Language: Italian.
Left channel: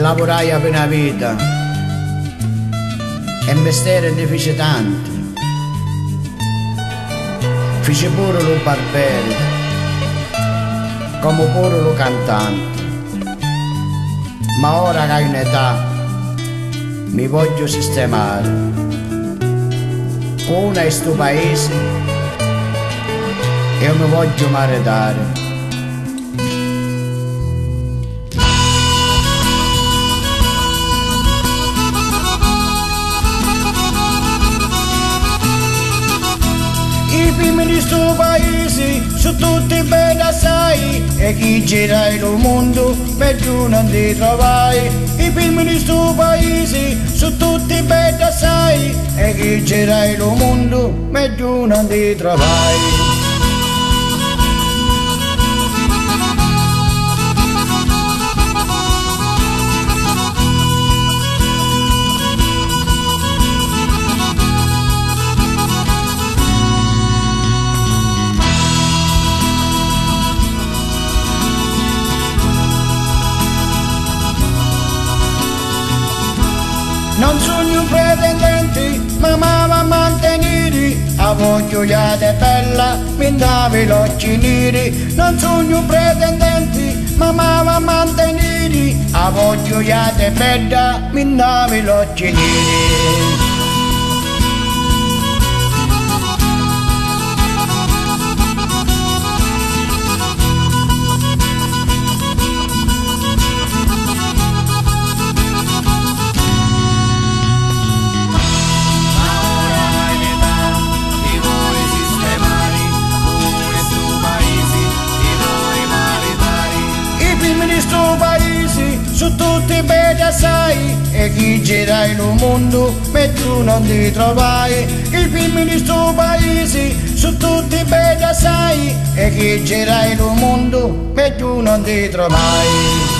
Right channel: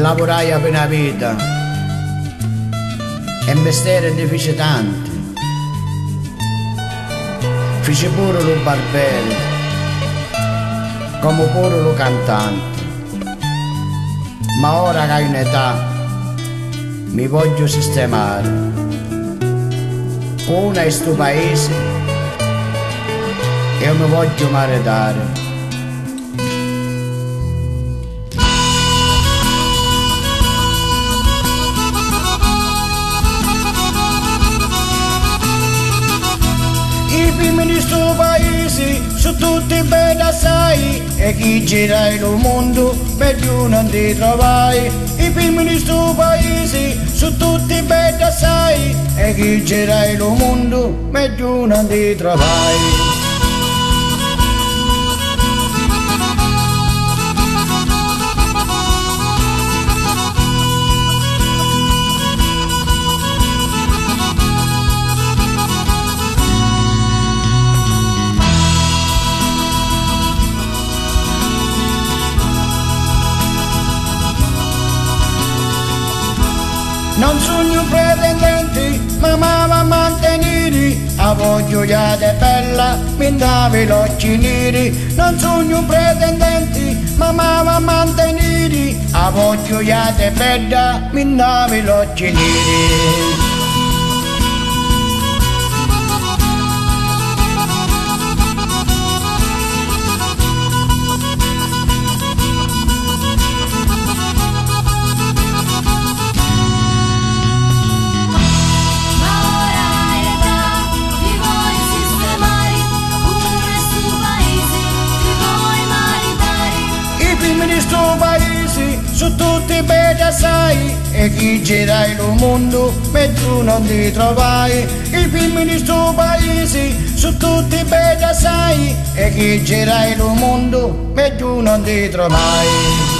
lavorai per una vita e mestiere ne fece tanti. Fece pure lo barbiere, come pure lo cantante. Ma ora che ho un'età mi voglio sistemare. Una è sto paese e io mi voglio maritare. I primi di sto paese sono tutti belli assai e chi gira il mondo meglio non ti trovai. I primi di sto paese sono tutti belli assai e chi gira il mondo meglio non ti trovai. Non sono un pretendente, ma va a mantenere, a voglioiata bella, mi davi l'occhi neri. Non sono un pretendente, ma va a mantenere, a voglioiata bella, mi davi l'occhi neri. Di sto paese sono tutti belli assai e chi gira il mondo meglio non ti trovai. I primi di sto paese sono tutti belli assai e chi gira il mondo meglio non ti trovai.